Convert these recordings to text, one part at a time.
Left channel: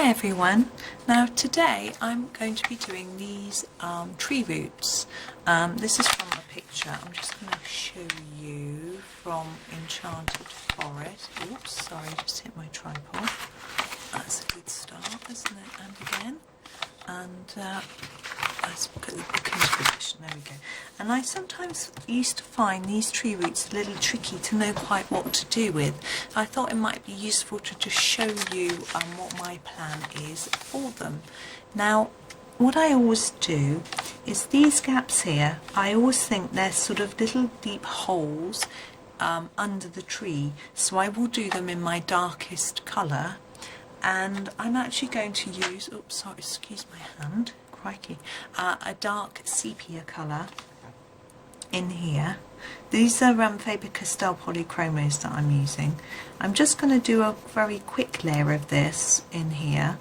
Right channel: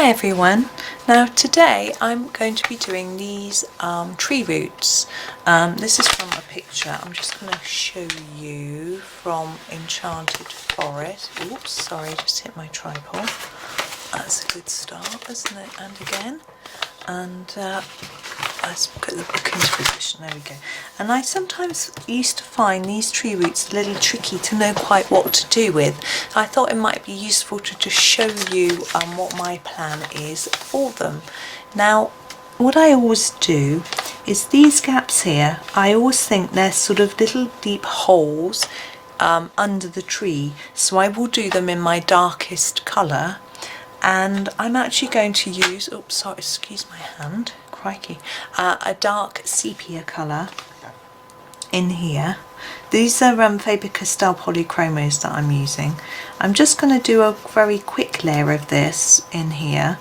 Hi everyone. Now today I'm going to be doing these tree roots. This is from a picture. I'm just going to show you from Enchanted Forest. Oops, sorry, just hit my tripod. That's a good start, isn't it? And again. And let's put the book into position. There we go. And I sometimes used to find these tree roots a little tricky to know quite what to do with. I thought it might be useful to just show you what my plan is for them. Now, what I always do is these gaps here, I always think they're sort of little deep holes under the tree. So I will do them in my darkest colour. And I'm actually going to use, oops, sorry, excuse my hand, crikey, a dark sepia colour in here. These are Faber Castell Polychromos that I'm using. I'm just going to do a very quick layer of this in here.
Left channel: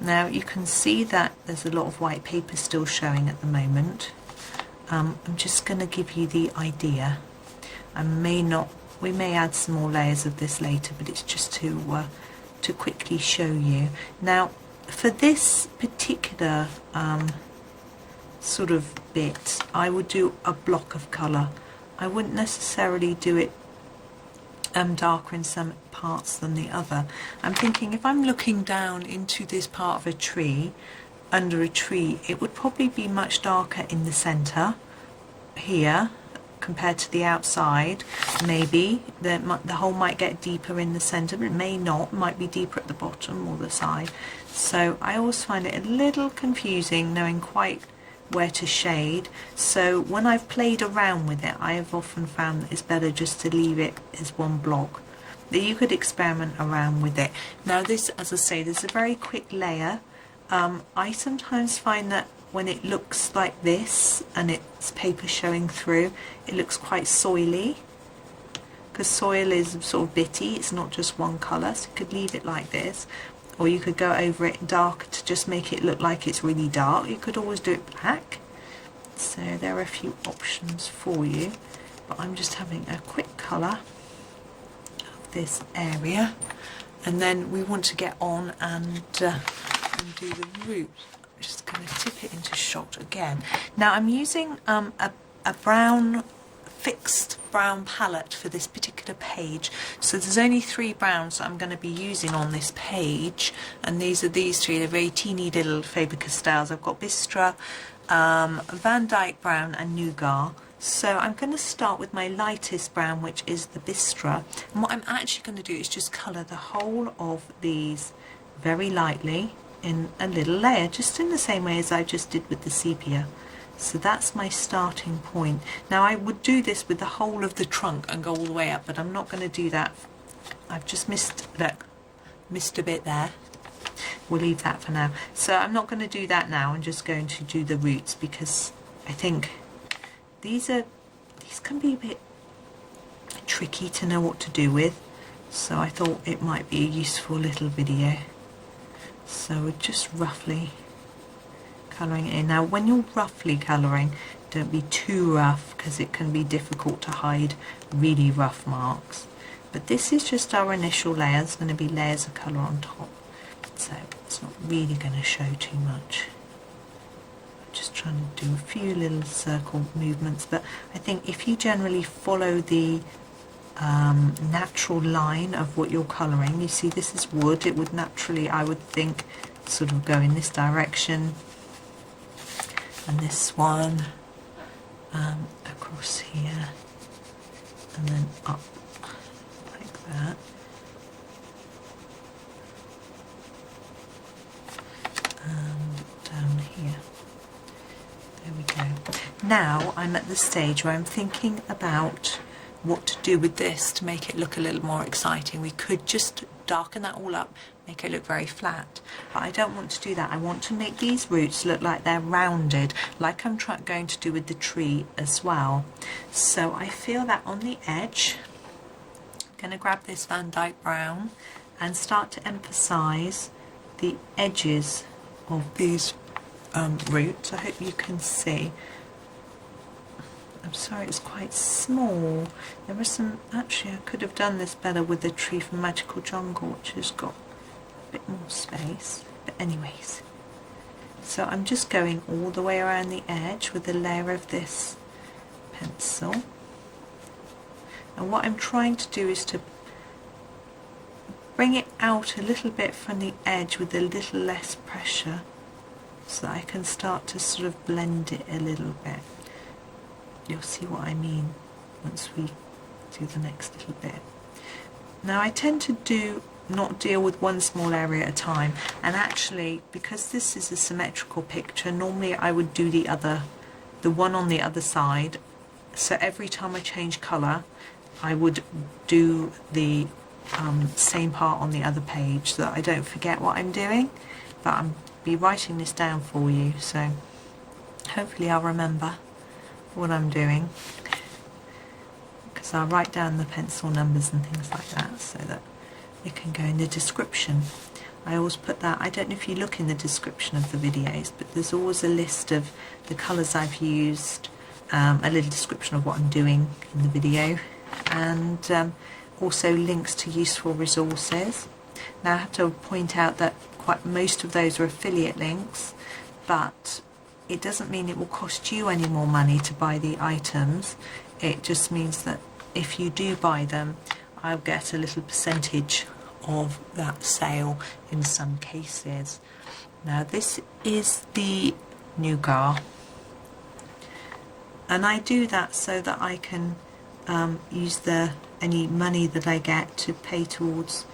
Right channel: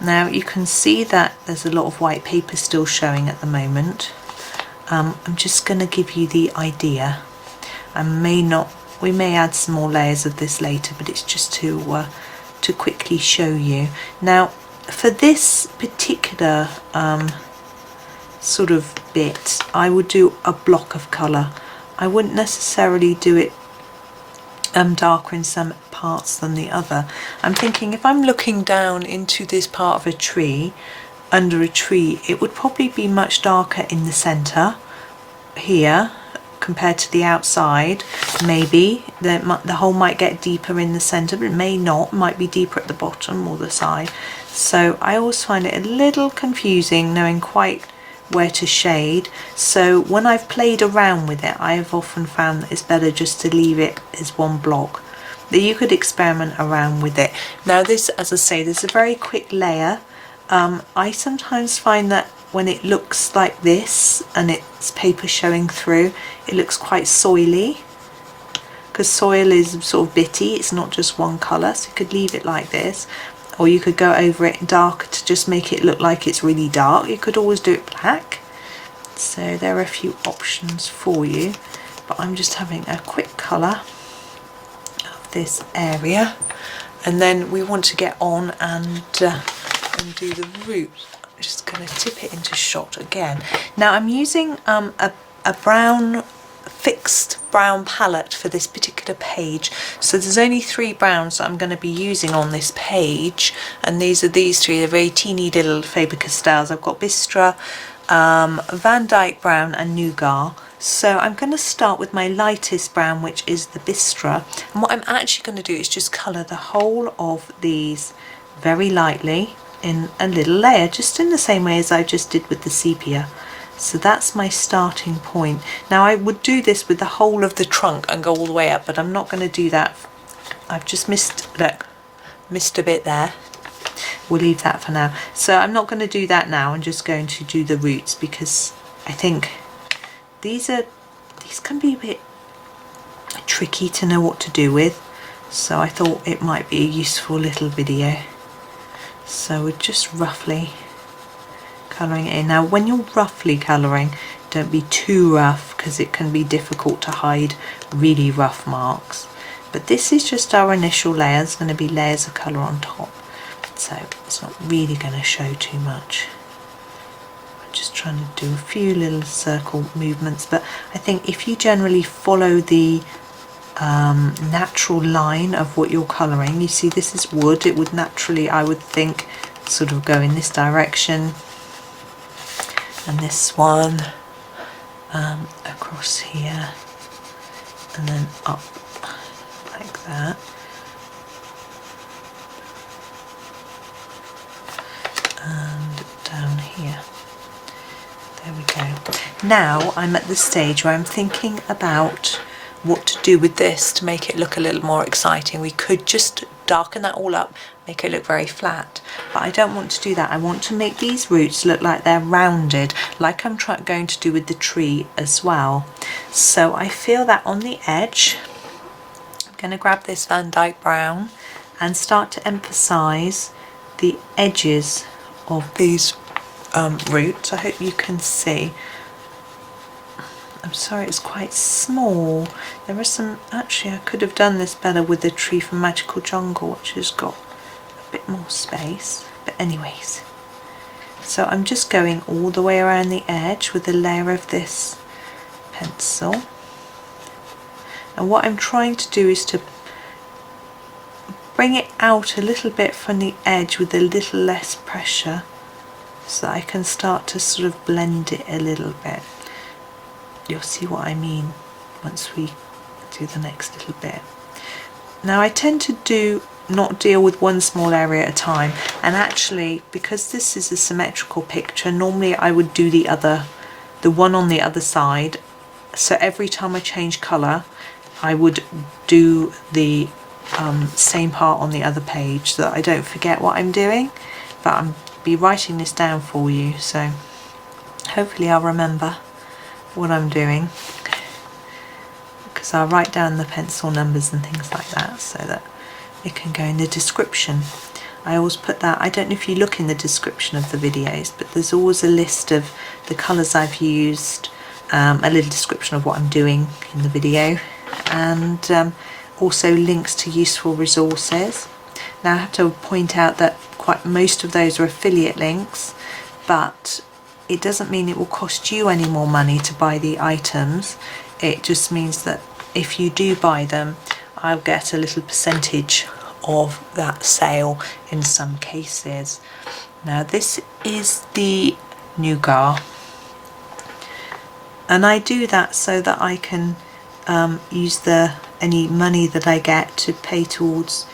Now you can see that there's a lot of white paper still showing at the moment. I'm just going to give you the idea. We may add some more layers of this later, but it's just to quickly show you. Now for this particular sort of bit, I would do a block of colour. I wouldn't necessarily do it darker in some parts than the other. I'm thinking if I'm looking down into this part of a tree, under a tree, it would probably be much darker in the centre here compared to the outside. Maybe the hole might get deeper in the centre, but it may not. It might be deeper at the bottom or the side. So I always find it a little confusing knowing quite where to shade. So when I've played around with it, I have often found that it's better just to leave it as one block. That you could experiment around with it. Now this, as I say, this is a very quick layer. I sometimes find that when it looks like this and it's paper showing through, it looks quite soily, because soil is sort of bitty, it's not just one colour. So you could leave it like this, or you could go over it dark to just make it look like it's really dark. You could always do it black. So there are a few options for you, but I'm just having a quick colour of this area, and then we want to get on and do the root. Just going to tip it into shot again. Now I'm using a brown, fixed brown palette for this particular page. So there's only 3 browns that I'm going to be using on this page, and these are these 3. They're very teeny little Faber Castells. I've got Bistre, Dyke Brown and Nougat. So I'm going to start with my lightest brown, which is the Bistre. And what I'm actually going to do is just colour the whole of these very lightly in a little layer, just in the same way as I just did with the sepia. So that's my starting point. Now I would do this with the whole of the trunk and go all the way up, but I'm not going to do that. I've just missed a bit there. We'll leave that for now. So I'm not going to do that now. I'm just going to do the roots, because I think these can be a bit tricky to know what to do with. So I thought it might be a useful little video. So we're just roughly colouring it in. Now when you're roughly colouring, don't be too rough, because it can be difficult to hide really rough marks. But this is just our initial layer. There's going to be layers of colour on top, so it's not really going to show too much. I'm just trying to do a few little circle movements, but I think if you generally follow the natural line of what you're colouring, you see this is wood, it would naturally, I would think, sort of go in this direction, and this one across here, and then up like that, and down here. There we go. Now I'm at the stage where I'm thinking about what to do with this to make it look a little more exciting. We could just darken that all up, make it look very flat, but I don't want to do that. I want to make these roots look like they're rounded, like I'm going to do with the tree as well. So I feel that on the edge, I'm going to grab this Dyke Brown and start to emphasize the edges of these roots. I hope you can see. I'm sorry, it's quite small. There are some, actually I could have done this better with the tree from Magical Jungle, which has got a bit more space. anyways. So I'm just going all the way around the edge with a layer of this pencil, and what I'm trying to do is to bring it out a little bit from the edge with a little less pressure, so that I can start to sort of blend it a little bit. You'll see what I mean once we do the next little bit. Now I tend to not deal with one small area at a time, and actually because this is a symmetrical picture, normally I would do the one on the other side. So every time I change colour I would do the same part on the other page, so that I don't forget what I'm doing. But I'll be writing this down for you, so hopefully I'll remember what I'm doing, because I'll write down the pencil numbers and things like that so that it can go in the description. I always put that, I don't know if you look in the description of the videos, but there's always a list of the colours I've used, a little description of what I'm doing in the video, and also links to useful resources. Now I have to point out that most of those are affiliate links, but it doesn't mean it will cost you any more money to buy the items. It just means that if you do buy them, I'll get a little percentage of that sale in some cases. Now this is the Nougat, and I do that so that I can use any money that I get to pay towards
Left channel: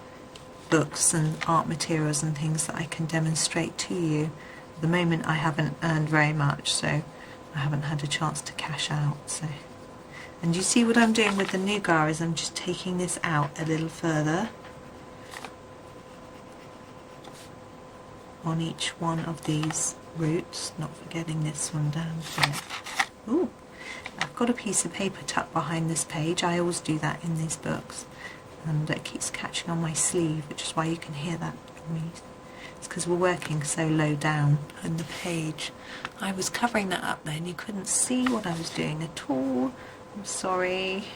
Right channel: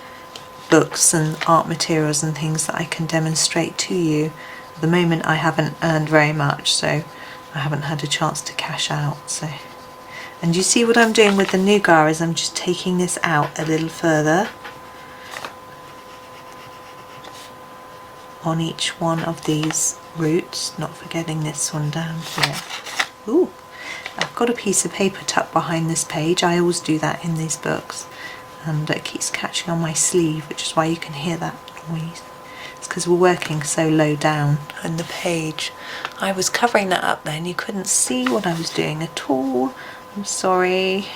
books and art materials and things that I can demonstrate to you. At the moment I haven't earned very much, so I haven't had a chance to cash out. So, and you see what I'm doing with the Nougat is I'm just taking this out a little further on each one of these roots, not forgetting this one down here. Ooh, I've got a piece of paper tucked behind this page. I always do that in these books, and it keeps catching on my sleeve, which is why you can hear that noise. It's because we're working so low down on the page. I was covering that up then, you couldn't see what I was doing at all. I'm sorry.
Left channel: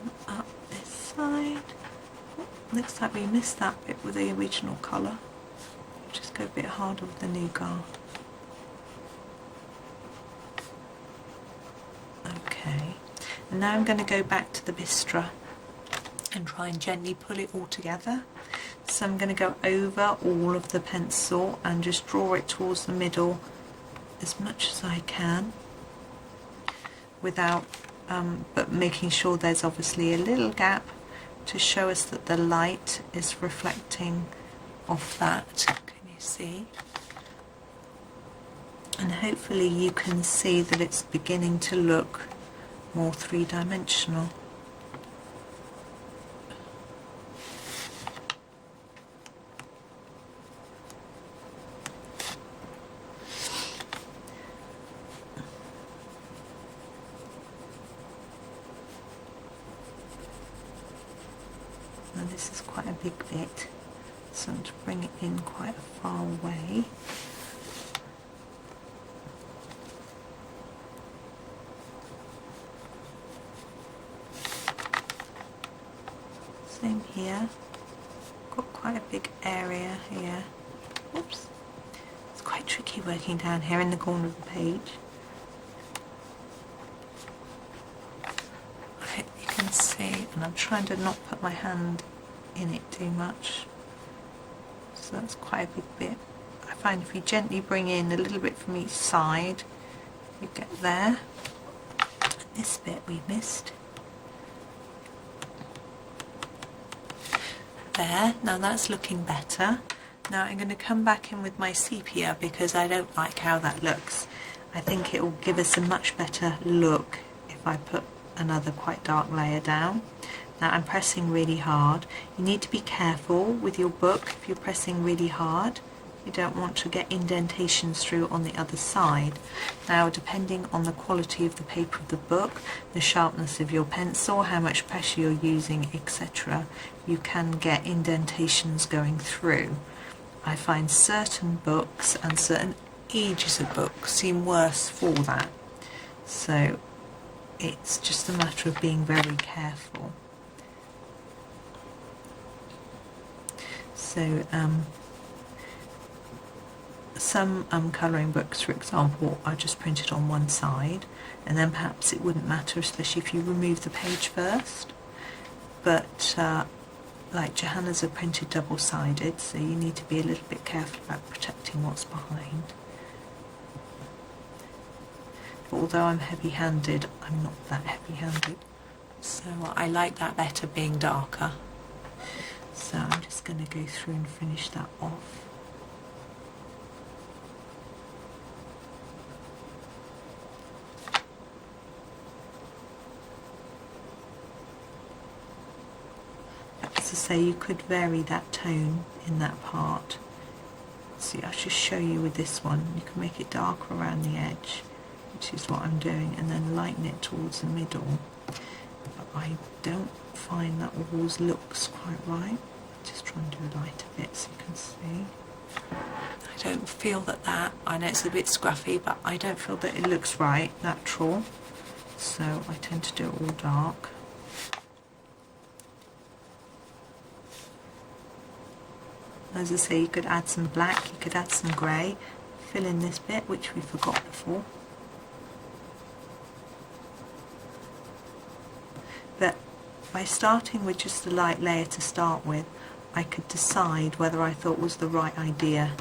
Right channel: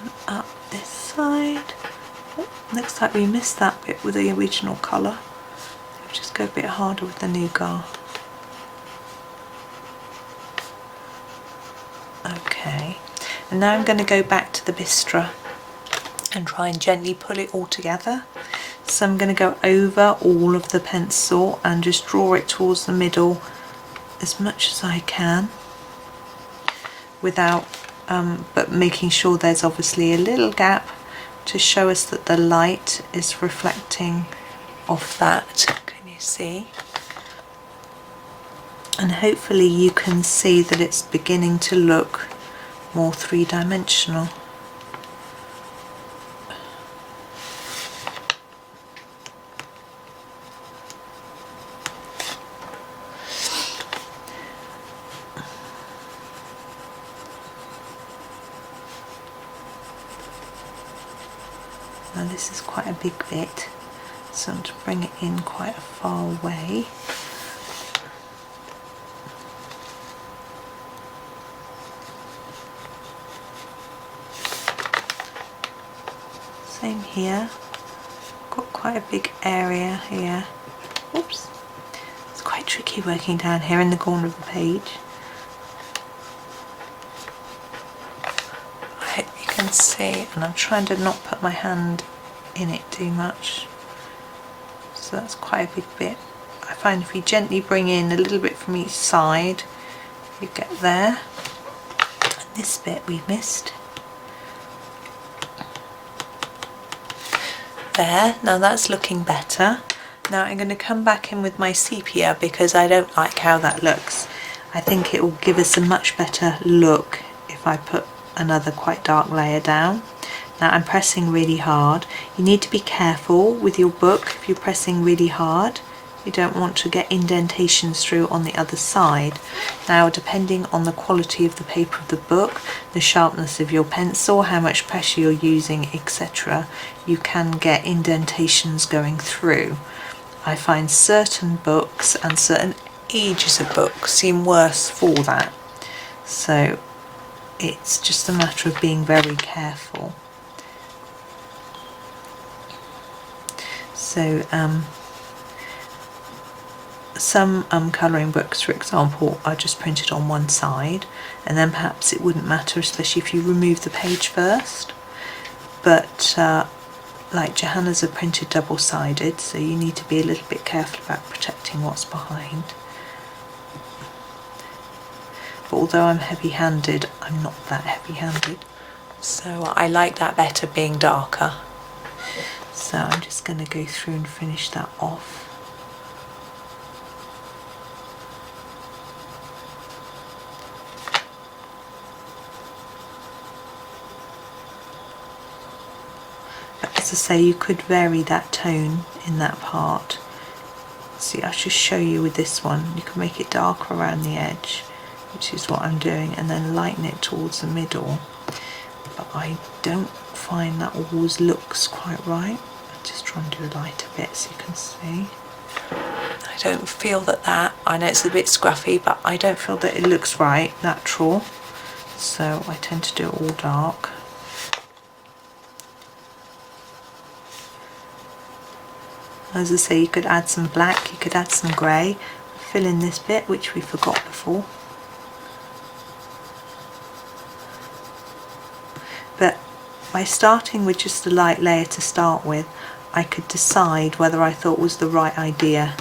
And up this side. Oh, looks like we missed that bit with the original colour. We'll just go a bit harder with the Nougat. Okay, and now I'm going to go back to the Bistre and try and gently pull it all together. So I'm going to go over all of the pencil and just draw it towards the middle as much as I can, without but making sure there's obviously a little gap to show us that the light is reflecting off that. Can you see? And hopefully you can see that it's beginning to look more three-dimensional. Now this is quite a big bit, so I'm to bring it in quite a far way. Same here, got quite a big area here. Oops, it's quite tricky working down here in the corner of the page. I hope you can see, and I'm trying to not put my hand in it too much. So that's quite a big bit. I find if you gently bring in a little bit from each side, you get there. And this bit we missed. There, now that's looking better. Now I'm going to come back in with my sepia because I don't like how that looks. I think it will give us a much better look if I put another quite dark layer down. Now I'm pressing really hard. You need to be careful with your book if you're pressing really hard. You don't want to get indentations through on the other side. Now depending on the quality of the paper of the book, the sharpness of your pencil, how much pressure you're using, etc., you can get indentations going through. I find certain books and certain ages of books seem worse for that. So it's just a matter of being very careful. So some colouring books, for example, are just printed on one side, and then perhaps it wouldn't matter, especially if you remove the page first. But like Johanna's are printed double-sided, so you need to be a little bit careful about protecting what's behind. But although I'm heavy-handed, I'm not that heavy-handed, so I like that better, being darker. So I'm just going to go through and finish that off. As I say, you could vary that tone in that part. See, I'll just show you with this one. You can make it darker around the edge, which is what I'm doing, and then lighten it towards the middle. But I don't find that always looks quite right. I'll just try and do a lighter bit so you can see. I don't feel that, I know it's a bit scruffy, but I don't feel that it looks right, natural. So I tend to do it all dark. As I say, you could add some black, you could add some grey, fill in this bit, which we forgot before. But by starting with just a light layer to start with, I could decide whether I thought was the right idea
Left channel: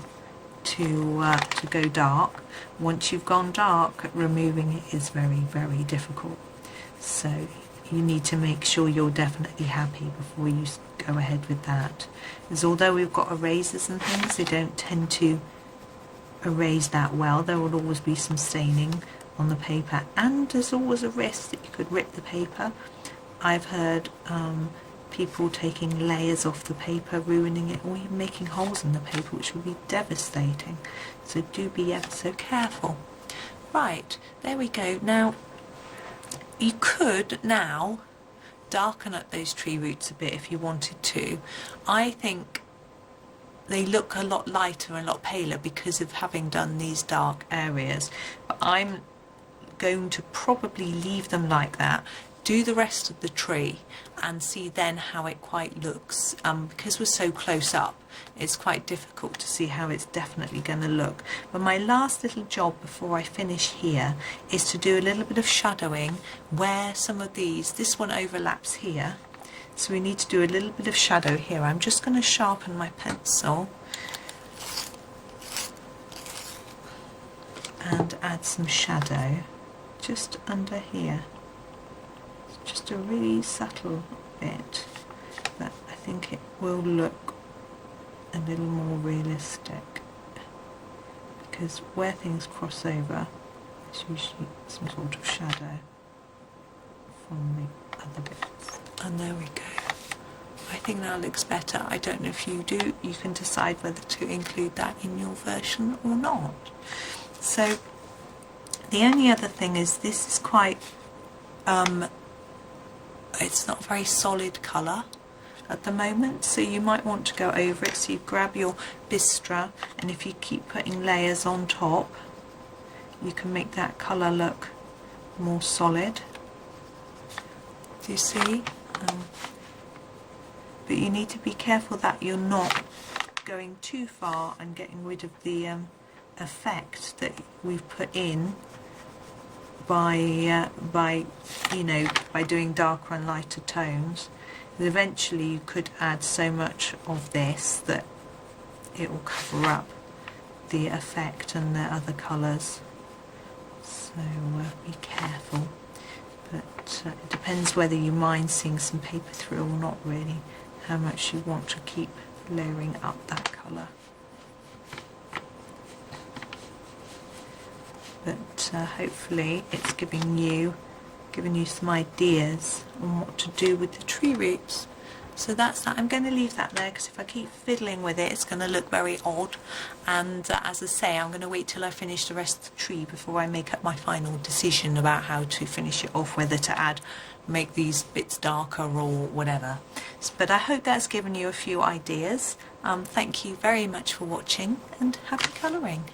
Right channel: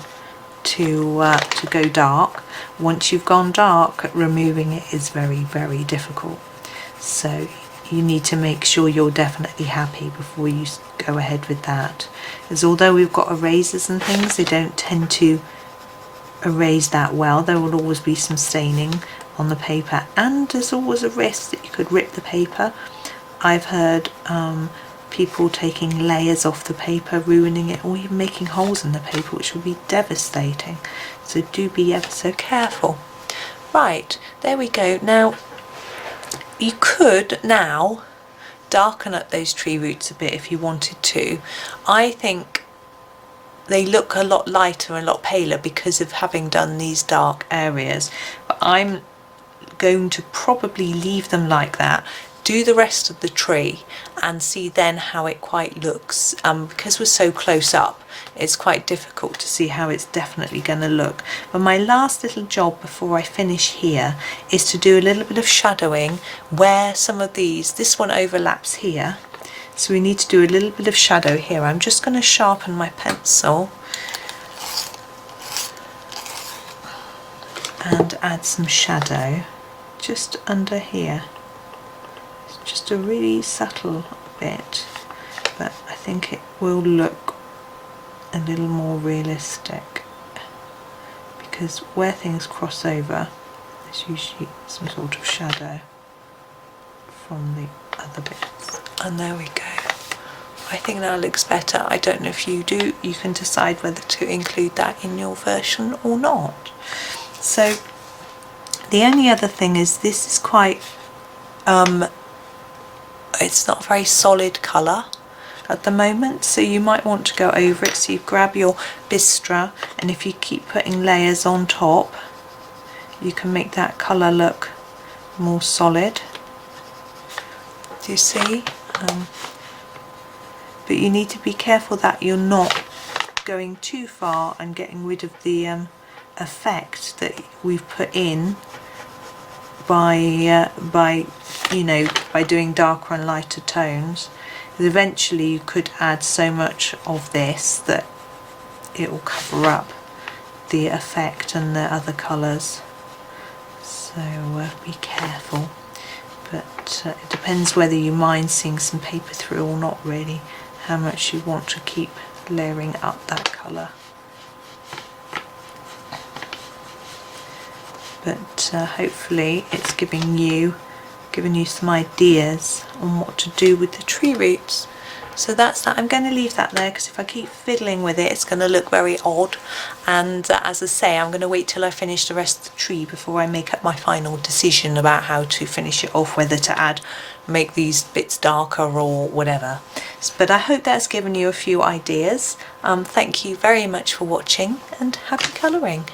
to go dark. Once you've gone dark, removing it is very, very difficult. So you need to make sure you're definitely happy before you go ahead with that. As although we've got erasers and things, they don't tend to erase that well. There will always be some staining on the paper, and there's always a risk that you could rip the paper. I've heard people taking layers off the paper, ruining it, or even making holes in the paper, which would be devastating. So do be ever so careful. Right, there we go. Now, you could now darken up those tree roots a bit if you wanted to. I think they look a lot lighter and a lot paler because of having done these dark areas. But I'm going to probably leave them like that, do the rest of the tree, and see then how it quite looks. Because we're so close up, it's quite difficult to see how it's definitely going to look. But my last little job before I finish here is to do a little bit of shadowing where some of this one overlaps here. So we need to do a little bit of shadow here. I'm just going to sharpen my pencil and add some shadow just under here. Just a really subtle bit, but I think it will look a little more realistic, because where things cross over, there's usually some sort of shadow from the other bits. And there we go. I think that looks better. I don't know if you do. You can decide whether to include that in your version or not. So the only other thing is, this is quite it's not a very solid colour at the moment, so you might want to go over it. So you grab your Bistre, and if you keep putting layers on top, you can make that colour look more solid. Do you see? But you need to be careful that you're not going too far and getting rid of the effect that we've put in by doing darker and lighter tones. Eventually you could add so much of this that it will cover up the effect and the other colours. So be careful. But it depends whether you mind seeing some paper through or not, really, how much you want to keep layering up that colour. But hopefully it's giving you some ideas on what to do with the tree roots. So that's that. I'm going to leave that there, because if I keep fiddling with it, it's going to look very odd. And as I say, I'm going to wait till I finish the rest of the tree before I make up my final decision about how to finish it off, whether to make these bits darker or whatever. But I hope that's given you a few ideas. Thank you very much for watching, and happy colouring.